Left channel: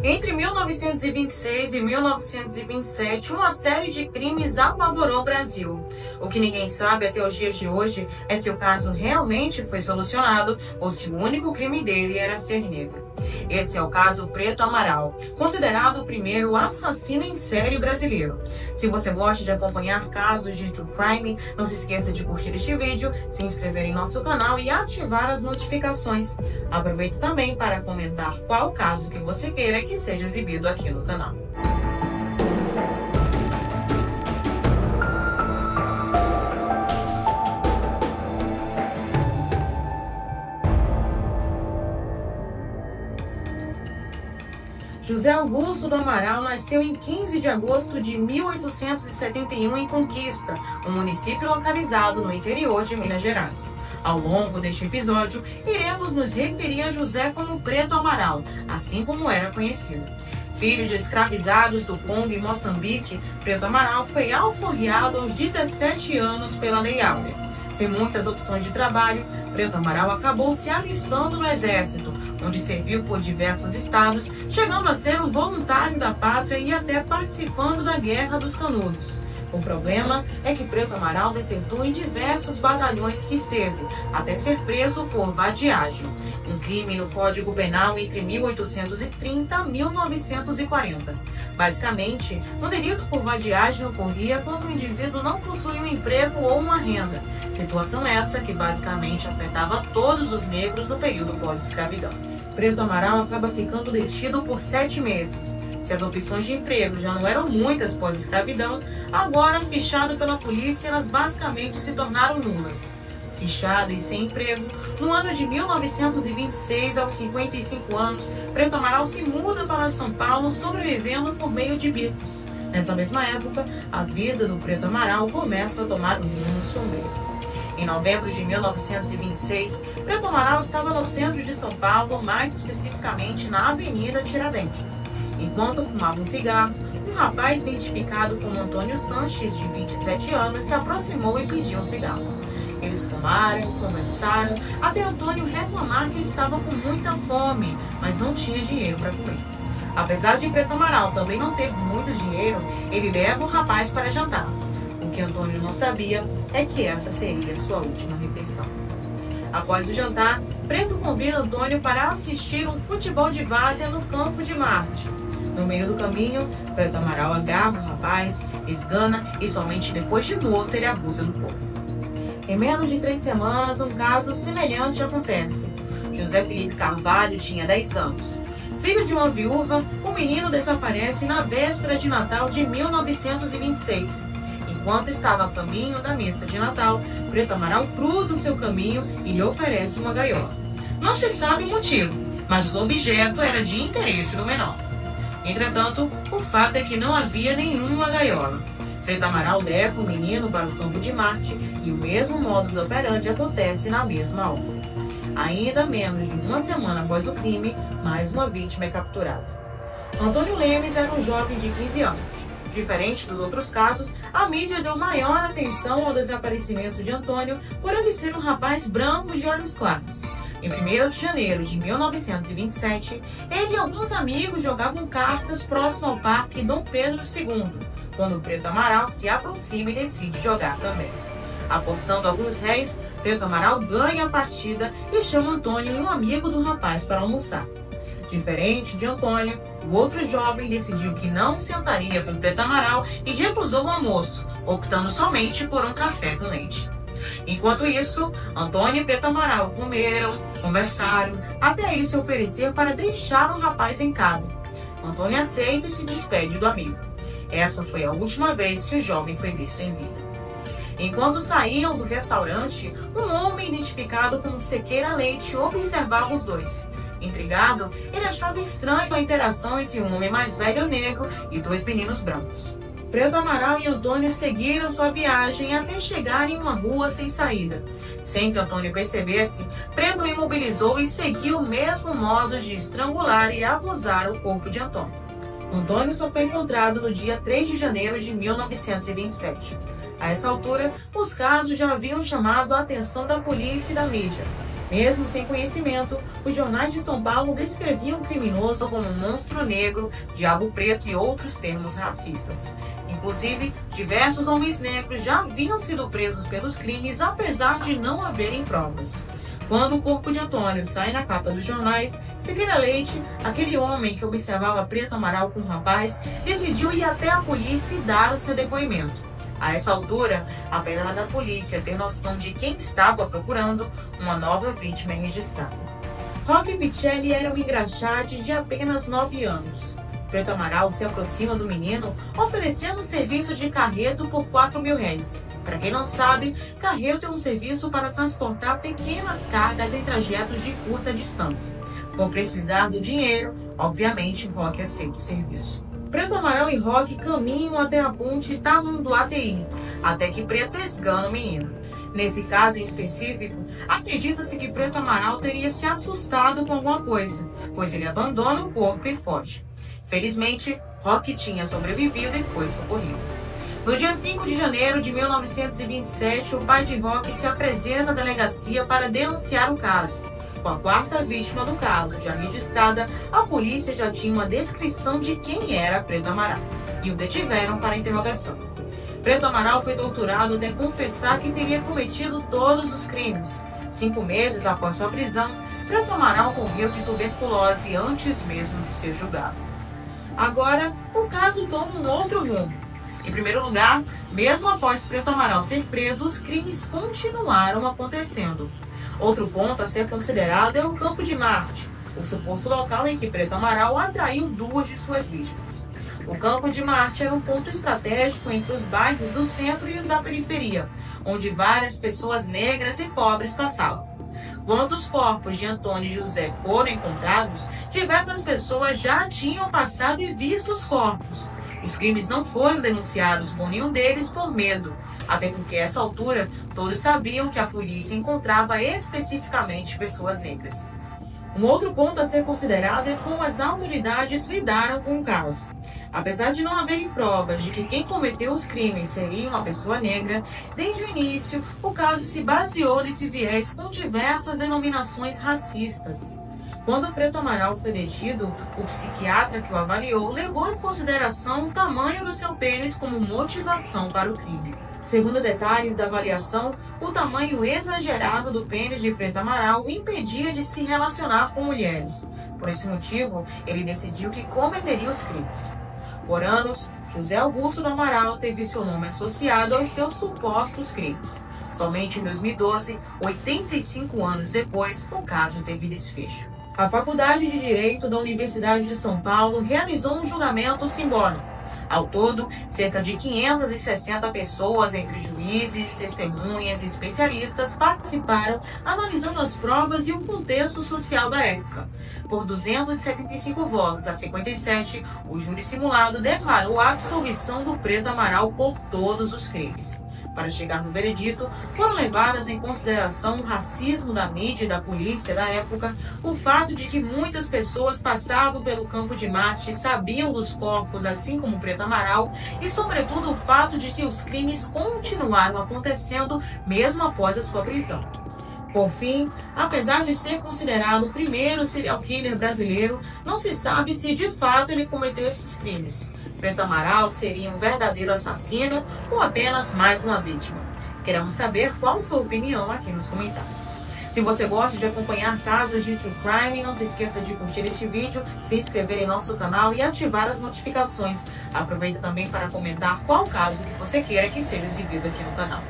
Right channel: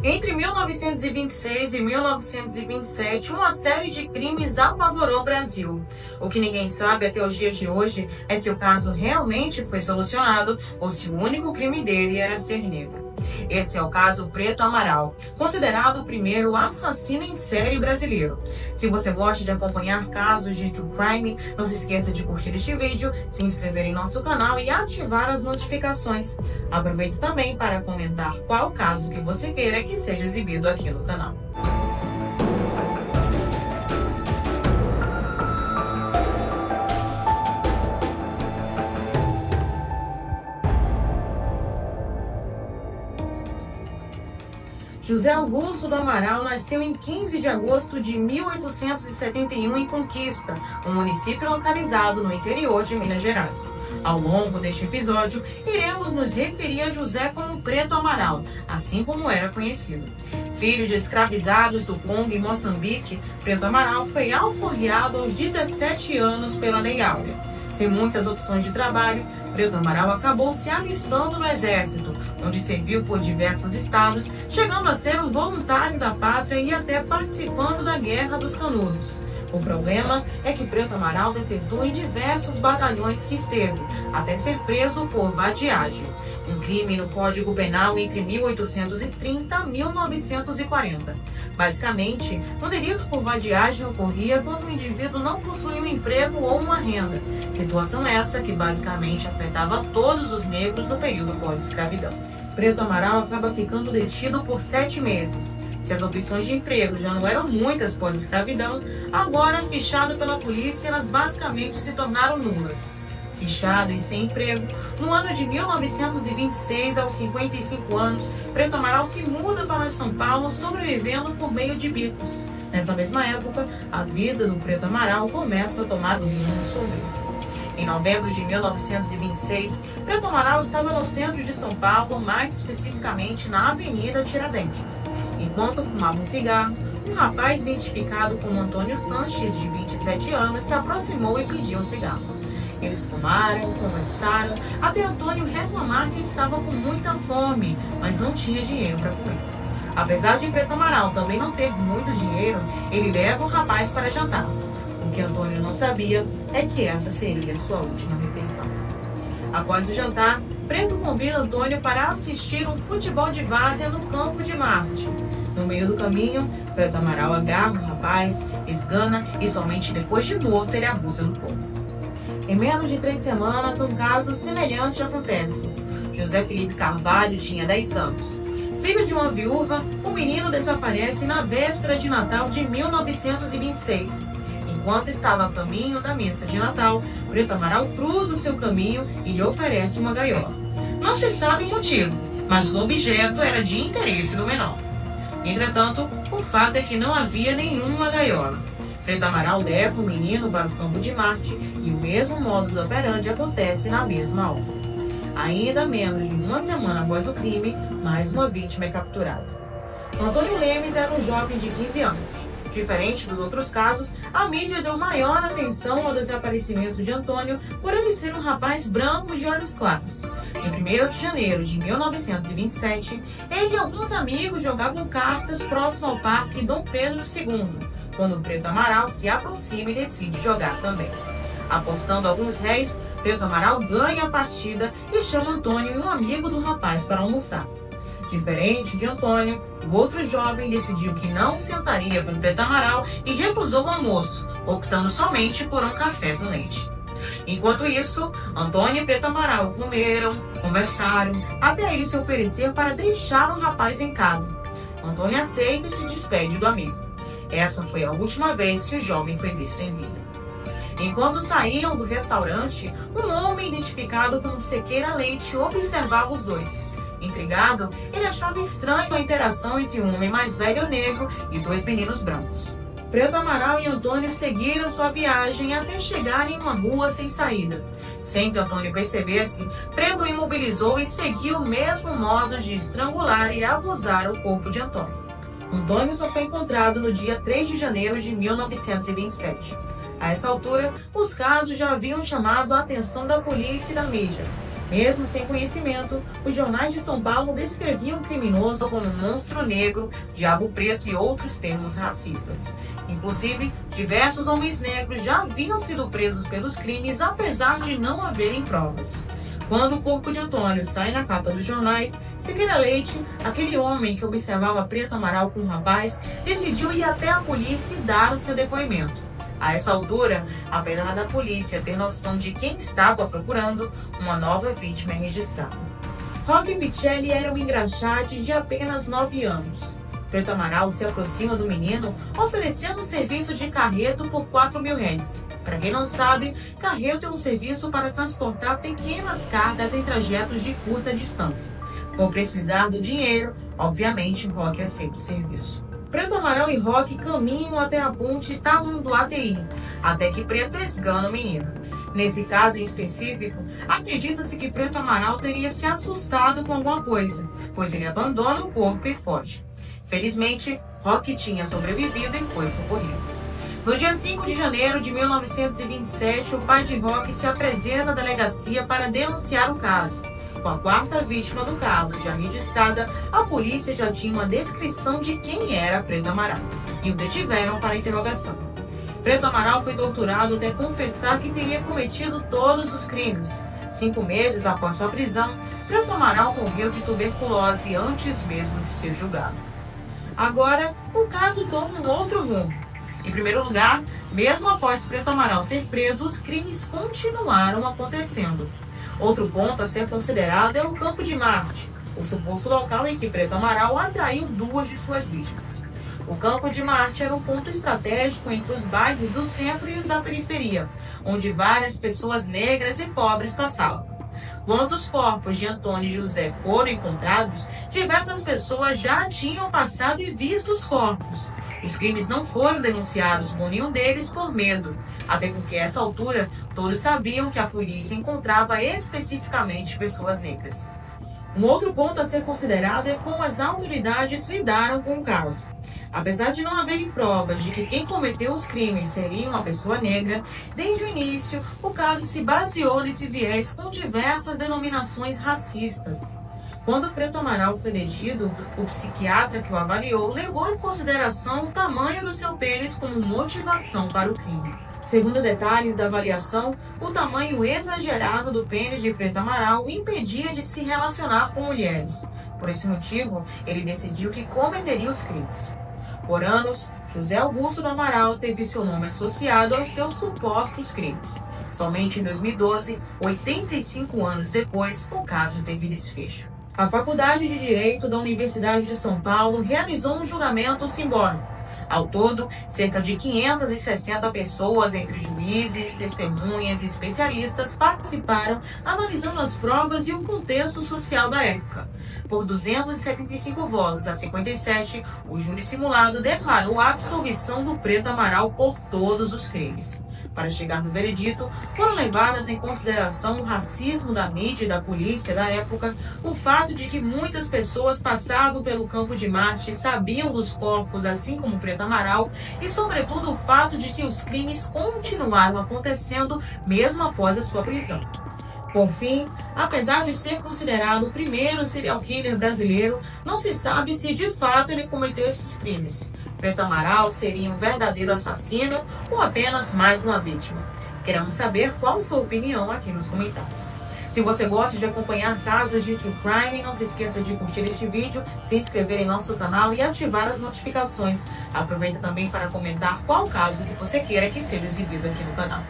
Entre 1926 e 1927, uma série de crimes apavorou o Brasil. O que ninguém sabe até os dias de hoje é se o caso realmente foi solucionado ou se o único crime dele era ser negro. Esse é o caso Preto Amaral, considerado o primeiro assassino em série brasileiro. Se você gosta de acompanhar casos de true crime, não se esqueça de curtir este vídeo, se inscrever em nosso canal e ativar as notificações. Aproveite também para comentar qual caso que você queira que seja exibido aqui no canal. José Augusto do Amaral nasceu em 15 de agosto de 1871 em Conquista, um município localizado no interior de Minas Gerais. Ao longo deste episódio, iremos nos referir a José como Preto Amaral, assim como era conhecido. Filho de escravizados do Congo e Moçambique, Preto Amaral foi alforriado aos 17 anos pela Lei Áurea. Sem muitas opções de trabalho, Preto Amaral acabou se alistando no Exército, onde serviu por diversos estados, chegando a ser um voluntário da pátria e até participando da Guerra dos Canudos. O problema é que Preto Amaral desertou em diversos batalhões que esteve, até ser preso por vadiagem, um crime no Código Penal entre 1830 e 1940. Basicamente, um delito por vadiagem ocorria quando o indivíduo não possuía um emprego ou uma renda, situação essa que basicamente afetava todos os negros no período pós-escravidão. Preto Amaral acaba ficando detido por 7 meses. Se as opções de emprego já não eram muitas pós-escravidão, agora, fichado pela polícia, elas basicamente se tornaram nulas. Fichado e sem emprego, no ano de 1926, aos 55 anos, Preto Amaral se muda para São Paulo, sobrevivendo por meio de bicos. Nessa mesma época, a vida do Preto Amaral começa a tomar um rumo sombrio. Em novembro de 1926, Preto Amaral estava no centro de São Paulo, mais especificamente na Avenida Tiradentes. Enquanto fumava um cigarro, um rapaz identificado como Antônio Sanches, de 27 anos, se aproximou e pediu um cigarro. Eles fumaram, conversaram, até Antônio reclamar que estava com muita fome, mas não tinha dinheiro para comer. Apesar de Preto Amaral também não ter muito dinheiro, ele leva o rapaz para jantar. O que Antônio não sabia é que essa seria sua última refeição. Após o jantar, Preto convida Antônio para assistir um futebol de várzea no campo de Marte. No meio do caminho, Preto Amaral agarra o rapaz, esgana e somente depois de morto ele abusa do corpo. Em menos de 3 semanas, um caso semelhante acontece. José Felipe Carvalho tinha 10 anos. Filho de uma viúva, o menino desaparece na véspera de Natal de 1926. Enquanto estava a caminho da missa de Natal, Preto Amaral cruza o seu caminho e lhe oferece uma gaiola. Não se sabe o motivo, mas o objeto era de interesse do menor. Entretanto, o fato é que não havia nenhuma gaiola. Preto Amaral leva o menino para o campo de Marte e o mesmo modus operandi acontece na mesma hora. Ainda menos de uma semana após o crime, mais uma vítima é capturada. Antônio Lemes era um jovem de 15 anos. Diferente dos outros casos, a mídia deu maior atenção ao desaparecimento de Antônio por ele ser um rapaz branco de olhos claros. Em 1º de janeiro de 1927, ele e alguns amigos jogavam cartas próximo ao Parque Dom Pedro II, quando Preto Amaral se aproxima e decide jogar também. Apostando alguns réis, Preto Amaral ganha a partida e chama Antônio e um amigo do rapaz para almoçar. Diferente de Antônio, o outro jovem decidiu que não sentaria com Preto Amaral e recusou o almoço, optando somente por um café com leite. Enquanto isso, Antônio e Preto Amaral comeram, conversaram, até ele se oferecer para deixar o rapaz em casa. Antônio aceita e se despede do amigo. Essa foi a última vez que o jovem foi visto em vida. Enquanto saíam do restaurante, um homem identificado como Sequeira Leite observava os dois. Intrigado, ele achava estranho a interação entre um homem mais velho negro e 2 meninos brancos. Preto Amaral e Antônio seguiram sua viagem até chegarem em uma rua sem saída. Sem que Antônio percebesse, Preto o imobilizou e seguiu o mesmo modo de estrangular e abusar o corpo de Antônio. Antônio só foi encontrado no dia 3 de janeiro de 1927. A essa altura, os casos já haviam chamado a atenção da polícia e da mídia. Mesmo sem conhecimento, os jornais de São Paulo descreviam o criminoso como um monstro negro, diabo preto e outros termos racistas. Inclusive, diversos homens negros já haviam sido presos pelos crimes, apesar de não haverem provas. Quando o corpo de Antônio sai na capa dos jornais, Siqueira Leite, aquele homem que observava Preto Amaral com o rapaz, decidiu ir até a polícia e dar o seu depoimento. A essa altura, apesar da polícia ter noção de quem estava procurando, uma nova vítima é registrada. Roque Picelli era um engraxate de apenas 9 anos. Preto Amaral se aproxima do menino, oferecendo um serviço de carreto por R$4.000. Para quem não sabe, carreto é um serviço para transportar pequenas cargas em trajetos de curta distância. Por precisar do dinheiro, obviamente, Roque aceita o serviço. Preto Amaral e Roque caminham até a ponte Tamanduateí, até que Preto esgana o menino. Nesse caso em específico, acredita-se que Preto Amaral teria se assustado com alguma coisa, pois ele abandona o corpo e foge. Felizmente, Roque tinha sobrevivido e foi socorrido. No dia 5 de janeiro de 1927, o pai de Roque se apresenta à delegacia para denunciar o caso. Com a 4ª vítima do caso já registrada, a polícia já tinha uma descrição de quem era Preto Amaral e o detiveram para interrogação. Preto Amaral foi torturado até confessar que teria cometido todos os crimes. 5 meses após sua prisão, Preto Amaral morreu de tuberculose antes mesmo de ser julgado. Agora, o caso toma um outro rumo. Em primeiro lugar, mesmo após Preto Amaral ser preso, os crimes continuaram acontecendo. Outro ponto a ser considerado é o Campo de Marte, o suposto local em que Preto Amaral atraiu 2 de suas vítimas. O Campo de Marte era um ponto estratégico entre os bairros do centro e os da periferia, onde várias pessoas negras e pobres passavam. Quando os corpos de Antônio e José foram encontrados, diversas pessoas já tinham passado e visto os corpos. Os crimes não foram denunciados por nenhum deles por medo, até porque a essa altura todos sabiam que a polícia encontrava especificamente pessoas negras. Um outro ponto a ser considerado é como as autoridades lidaram com o caso. Apesar de não haverem provas de que quem cometeu os crimes seria uma pessoa negra, desde o início o caso se baseou nesse viés com diversas denominações racistas. Quando Preto Amaral foi detido, o psiquiatra que o avaliou levou em consideração o tamanho do seu pênis como motivação para o crime. Segundo detalhes da avaliação, o tamanho exagerado do pênis de Preto Amaral o impedia de se relacionar com mulheres. Por esse motivo, ele decidiu que cometeria os crimes. Por anos, José Augusto do Amaral teve seu nome associado aos seus supostos crimes. Somente em 2012, 85 anos depois, o caso teve desfecho. A Faculdade de Direito da Universidade de São Paulo realizou um julgamento simbólico. Ao todo, cerca de 560 pessoas, entre juízes, testemunhas e especialistas, participaram analisando as provas e o contexto social da época. Por 275 votos a 57, o júri simulado declarou a absolvição do Preto Amaral por todos os crimes. Para chegar no veredito, foram levadas em consideração o racismo da mídia e da polícia da época, o fato de que muitas pessoas passavam pelo Campo de Marte e sabiam dos corpos, assim como Preto Amaral, e sobretudo o fato de que os crimes continuaram acontecendo mesmo após a sua prisão. Por fim, apesar de ser considerado o primeiro serial killer brasileiro, não se sabe se de fato ele cometeu esses crimes. Preto Amaral seria um verdadeiro assassino ou apenas mais uma vítima? Queremos saber qual sua opinião aqui nos comentários. Se você gosta de acompanhar casos de True Crime, não se esqueça de curtir este vídeo, se inscrever em nosso canal e ativar as notificações. Aproveita também para comentar qual caso que você queira que seja exibido aqui no canal.